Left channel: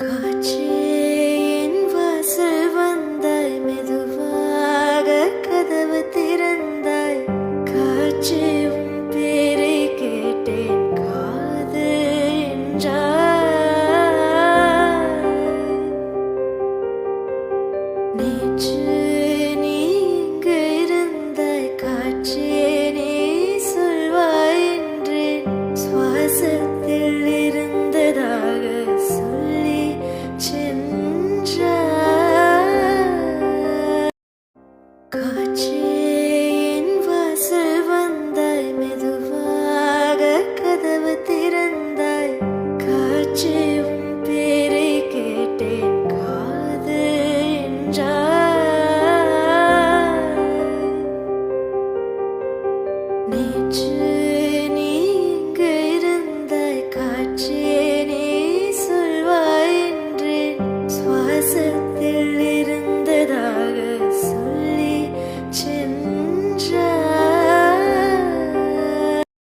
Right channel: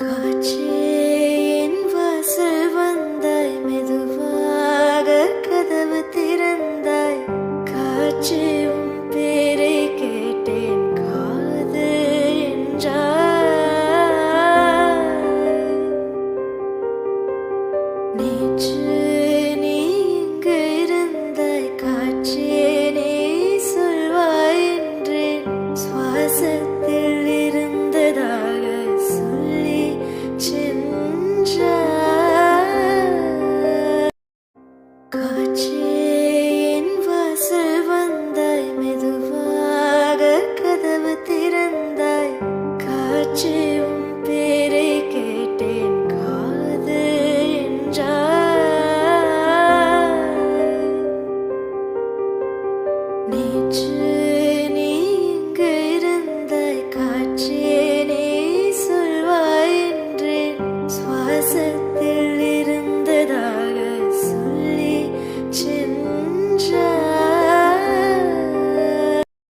காற்றே என் வாசல் வந்தாய், மெதுவாக கதவு திறந்தாய். காற்றே உன் பேரை கேட்டேன், காது என்றாய். நேற்று நீ இங்கு இருந்தாய், காற்றே நீ சொல்வாய் என்றேன். சுவாசத்தில் இருந்ததாக சொல்லி சென்றாய். காற்றே என் வாசல் வந்தாய், மெதுவாக கதவு திறந்தாய். காற்றே உன் பேரை கேட்டேன், காது என்றாய். நேற்று நீ இங்கு இருந்தாய், காற்றே நீ சொல்வாய் என்றேன். சுவாசத்தில் இருந்ததாக சொல்லி